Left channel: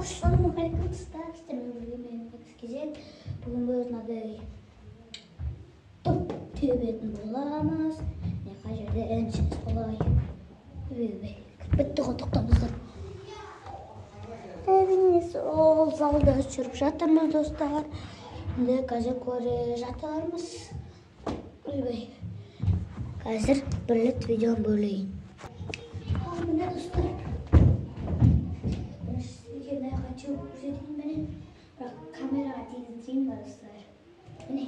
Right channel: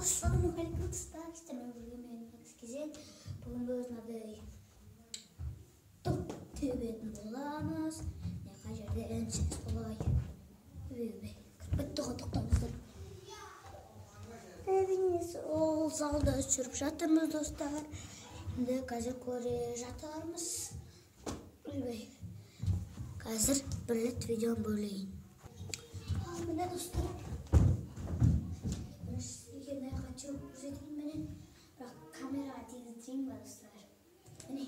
Assalamualaikum sizden bugün böyle top tübetini bulamaz. Ne kadar da ensiz kolay. Bitti qotoqtamızdır. Eviniz ol zalda sürüp жатырмыз dostlar. Şimdi gazet ko'rib жатармыз. Қазір бірлік видеоны бөлейін. Міне достар. Сізге не хочу көрсетейін менен, бірақ камераға тигізейін достар. Міне.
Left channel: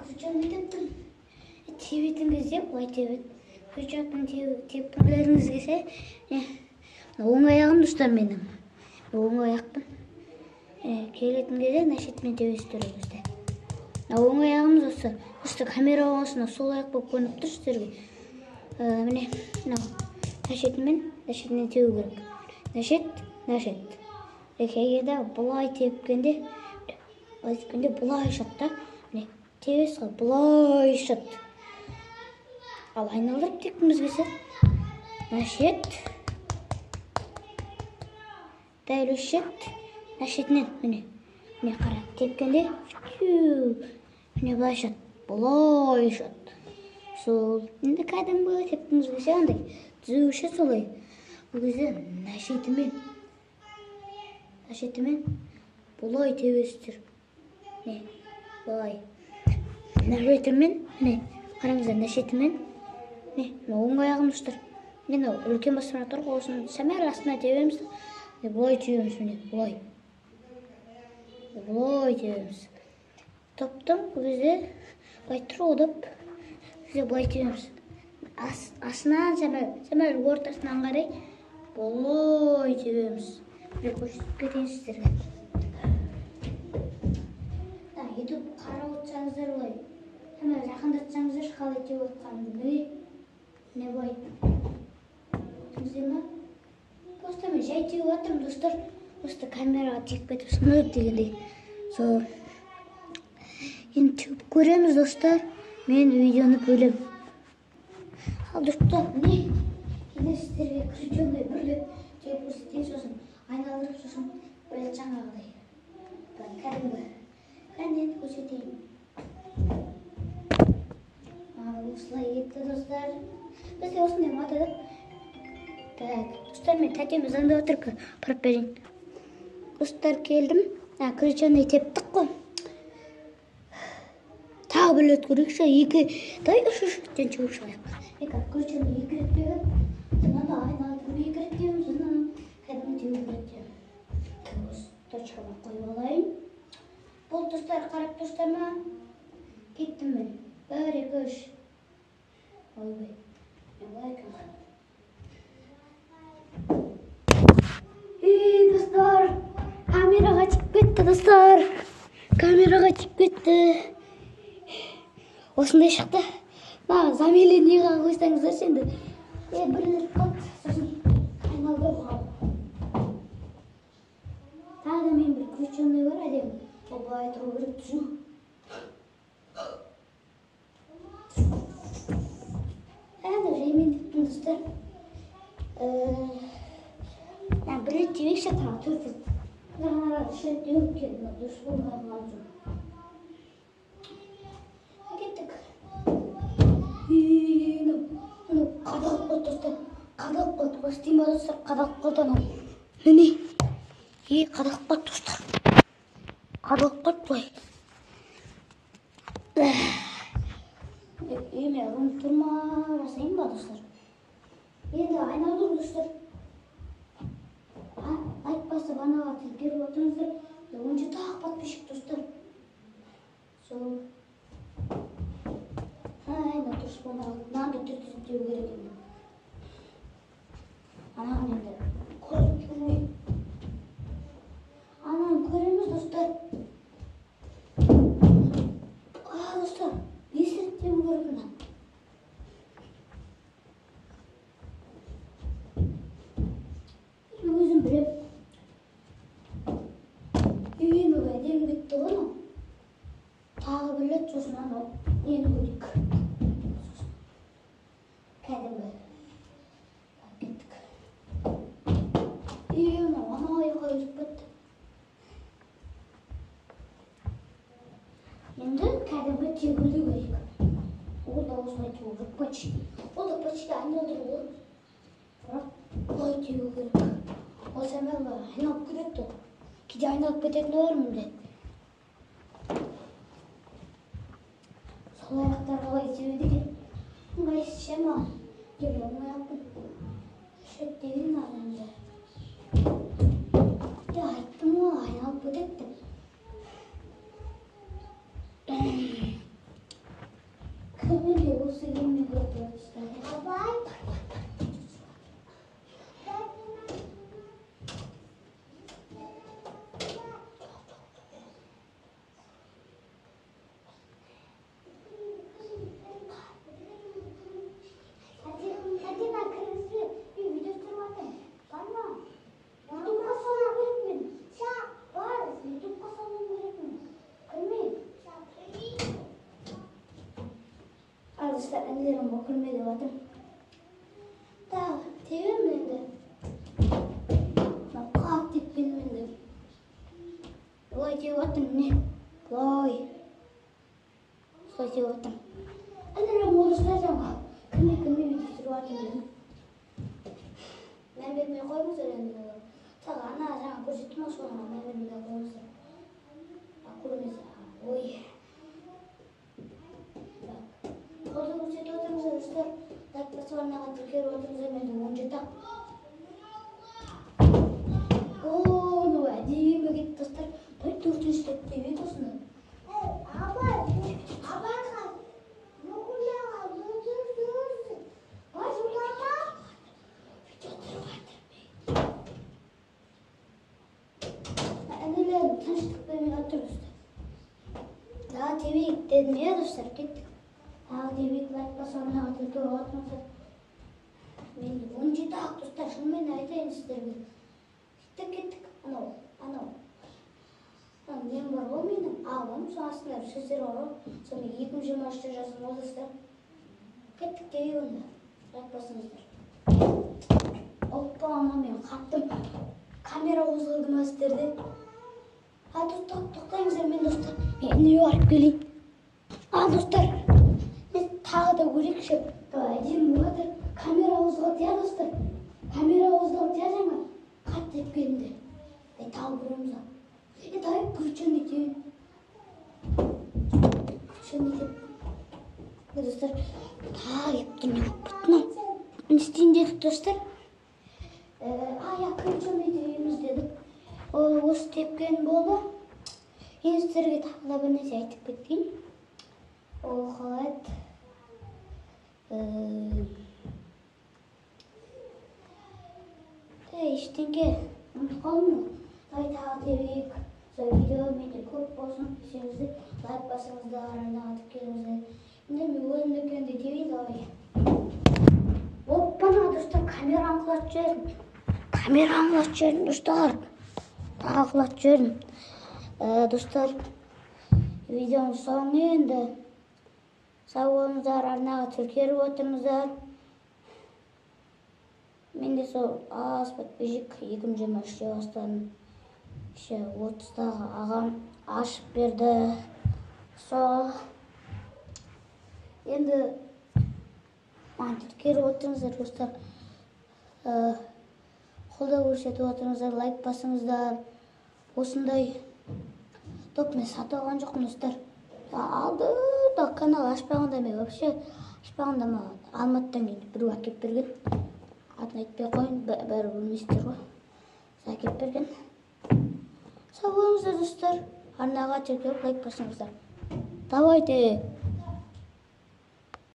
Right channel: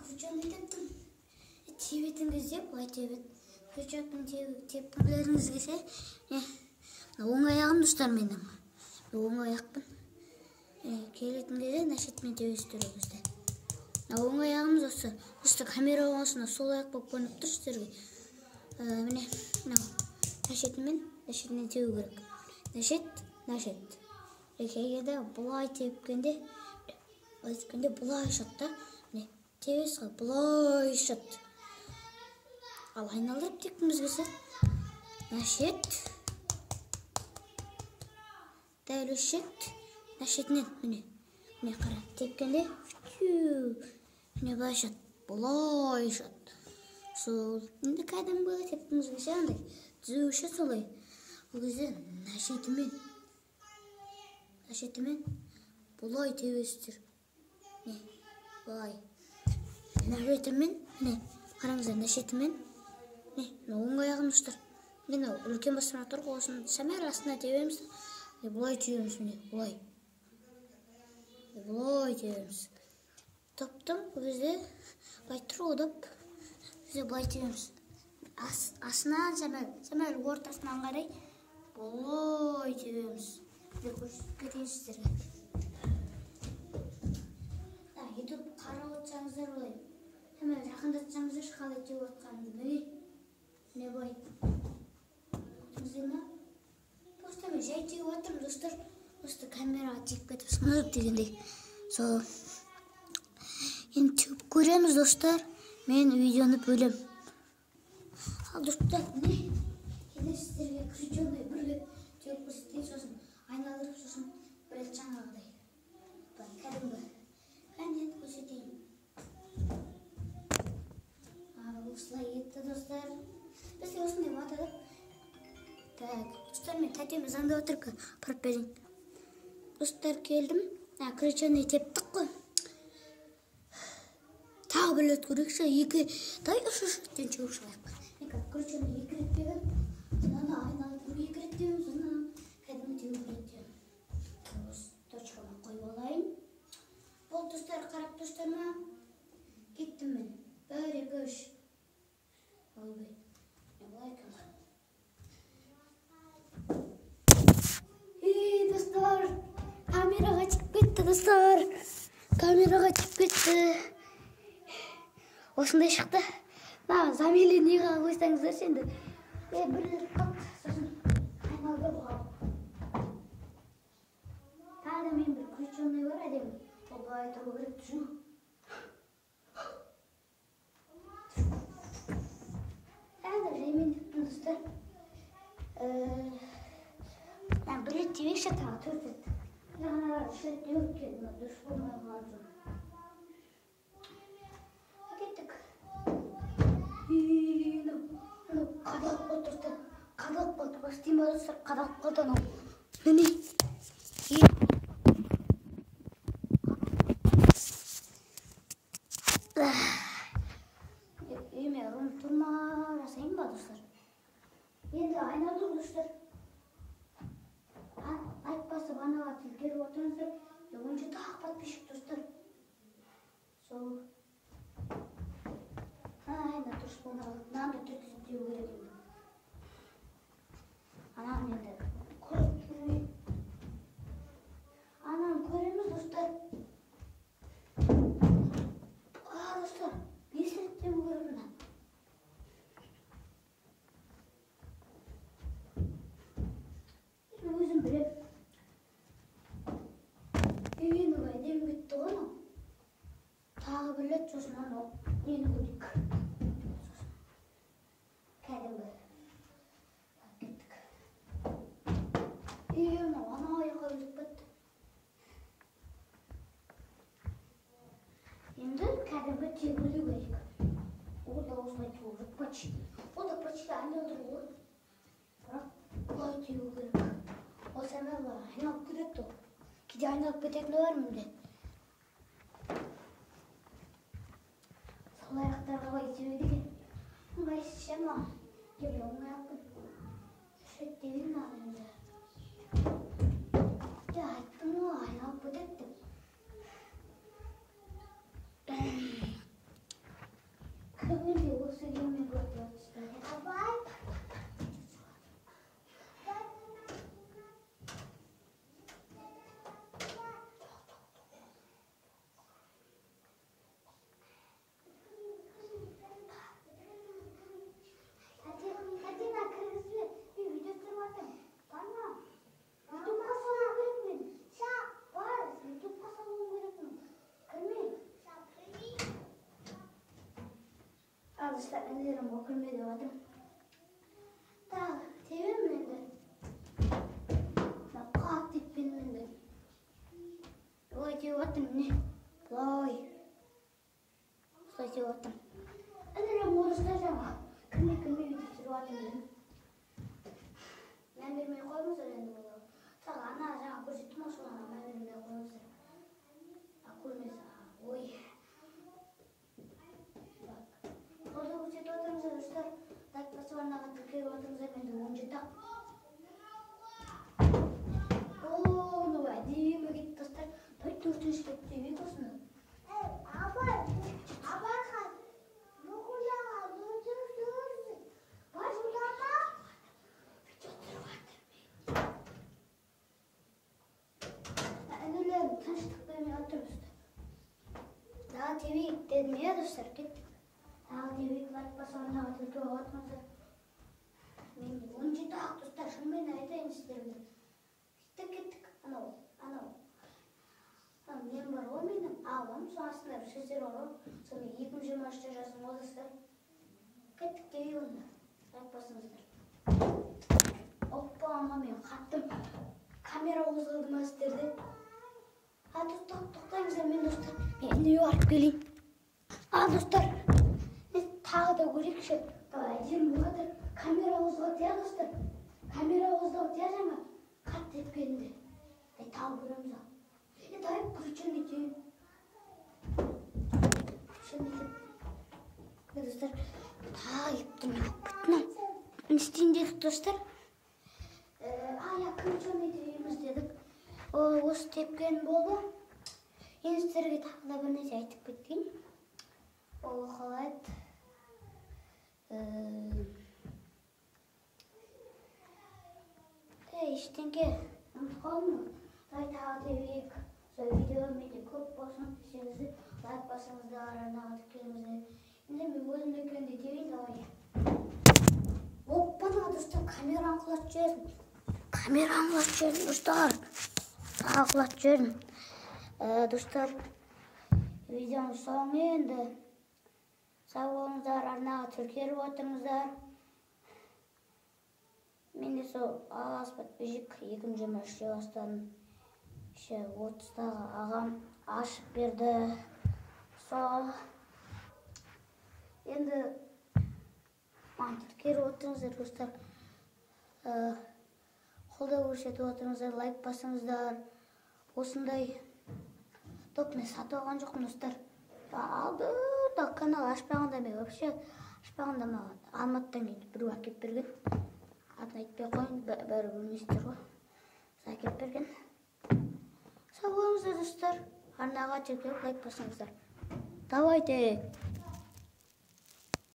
Күрчаны тептім. Тебетін кезде былай тебет. Күрчатын тепкілеріңіз келсе, оң аяғым достар менің. Оң аяқпын. Келетін кезде нашетмен тебестіріп бізде. Оң аяғымыз осы. Işte kamera olmasına sol ayak болып көрініп тұр сіздерге. Міне, нашетмен теу керек. Нашет. Егерде бұлай тепкенде бұлай шат та. Міне, тебес ғой, бұлай шат. Ал айналдырып тепкіміз келсе. Нашет. Дәл өшет. Нашетінен, міне қара. Тепкенде, міне бұлай шат. Бұлай шат. Сол. Енді кәдімгі тепкіміз келсе андай. Түзеуші солай. Бұл кезде нашетімен бұлай тебестір. Не, бұлай. Нашетімен, не, қараңыздар, нашетімен. Не, оң аяғым тұстыр. Енді үлкен басымына тұр қосын. Сәмәр астына тебеміз. Бұлай түйеміз, міне, бұлай. Бұлай тебеміз. Топтым, бұл кезде бұлай тұр одып. Бізде бұлай тебеміз. Асынан сәмәр ортасынан қарай бұлай тебеміз. Бір көрсетіп кетейін сіздерге. YouTube қарап отырсаңыздар бұлай. Сәмәр жақындатсаңыздар қалай тебіп отқанымды. Не бұлай. Түсіңіздер ма? Просто мен жай тебіп отырмын достар. Просто камераға тиіп кетіп сынып дегендей. Сол. Енді түйіп көреміз достар. Мен видеоны бөлем. Ал достар, міне. Енді сіздерге күрченге бірлеп түйіп көрсетейін, сосын айналдырып, сосын бірет жаңағыдай. Кәдімгі. Кәдімгі көрсетейін. Осылай кетті достар. Бізде осындай матадық. Достар, мен тәтеміз анда отырып барып берейін. Достар, келдім. Күрченге тептік қой. Тағы білет көрекші, дай үш-үштен чөп шығайық. Күрчені екі рет беген, сонан да айналдырып екі рет деуім, сонан кәдімгі теуіп деуім. Точкаға қойып алайын. Бұл достар, қарап достар ма? Кеттім мен. 1, 2, 3. Ойбай. Достар, камераға тиіп кетті, достар. Камераға тиіп кетті. Осындай шықты. Замелі неға қойсаңыздар сенді. Бірлік қалды. Сосын айналдырып қалды. Тағы да мен бір күрченный бар әдем. Ол былай тұру керек түсін. Жаймен деттім достар. Бір рет тебек шатыға 4 рет. Жаңа шет өп келді. Дұрыс болмай қалған жоқ. Қадалып қойды достар. Қадалып қойды. Бастайын ба достар? Қадалып қойды анау. Міне. Қадалып қойды достар. Қадалып қойды бұлай. Үйме ғым тұрма жасайын ба достар? Енді айналдырым достар. Айтпасы банаға тілгеріп отырыңыздар. Онша тағы подписчик достар. Сол. Aynen düşmanlar. Nerede tütütüyor gerekiyor. Anam nerede? Koyun. Anam koyunuz dostlar. Dostlar. Ne hissettiğimi görün lan. Gözüm bilip. İyi mi verdiğim gitti onu. Tağı bile çocuğuna o. Yeni koyduk. Kædimgi. Gittik. Оны тегілу керек. Ол да осылай тегу жоқ почти. Ол да почти айналдыру ғой. Бірақ бұлай тегу керек. Осы әмелі айналып кетеді ғой. Кейде айналып кететіні бар мінде. Сол аяқтар қалай тебеді екен? Ыңғайсыз ше маған. Келе алмай алыппын. Шет деген ағайынды. Айттым ғой, айналып кетеді деп. Кімінде осы еммен көріп отырсыздар? Абай! Arkadaşlar ellerim bakılmaya devadım. Daha tevim miydi? Ben katil bilmiydim. Vay devadım ne? Vay. Vay devadım. Ellerim uğraştıracağım. Kime videosu dedim. Ben bilmeye koymaz öğrendim. Sağa ana sana koşutma sonra ben bilmeye koymaz. Aklımıza. Oy. Orada bu çete oturmuşlar dostlar. Takması var nağa Türkiye'ye oturmuşlar benim onca tak. Ooo ne var diyeyim git dostlar. Tabii dörtüncü tekte bir dostlar. Abay kan. Nokula var dur. Başulama. Videoları vardır. Anneler tanıştık benim oturmuşlar. Daha TV dedim ya dostlar gittik. Demek basana Türkiye atmasa. Men onca tak dostlar şundan aytayın sizlerге. Gittik. Ana. Men бар ғой менің ағам, сонасында сөздер бар ғой. Соны 2023-та жазым ол достар. Кеттік деп онда. Айтпасыңыздар. Оппа ана мен қаттым. Камера қозғалды ма сіздерде? Тоқтаңыздар мен достар. Мен үйге барып келейін. Достар. Тағы да көрейікші. Әдемі жатыр. Камера қозғалды я достар. Камера қозғалды я жаңа. Қатты еп келді. Тағы көреміз ал. Дай включен етейін. Достар. Ептен бұттын. Не істейін дедік достар. Включен етейміз дедік. Осы тепкен болды. Енді сіздерге тағы да бір нәрсе айтып кетейін. Ол қалайды. Ештеңке ұмытып қалдым ғой. Тағы тебейік. Сол видео менде көп болсын десеңіздер, лайк басыңыздар, арнаға тіркеліңіздер. Енді мен өзімді екенде тебейді ғой. Оппана достар, камераны құлатып жібердім. Достар. Құлатып жібердім. Достар, видеоның соңы енді. Сау болыңыздар, арнаға тіркеліп отырыңыздар. Менде сол аз подписчик 2023-те бастадым. 30-дағы ағам ашып берді. Сол. Енді маған тіркеліп отырыңыздар, достар. Қолдау көрсетіп отырыңыздар, лайк басыңыздар. Осындай топ мен сатып алған жоқпын, достар. Алды да канал ашпағанда мен вообще ашпағанда маған Алматыдан кейін біреу әкеп берген. Атын айтпай қойын, бәрі білмейсіздер ғой. Әкеп берген. Сау болыңыздар достар. Арнаға тіркеліп лайк басыңыздар. Давайте.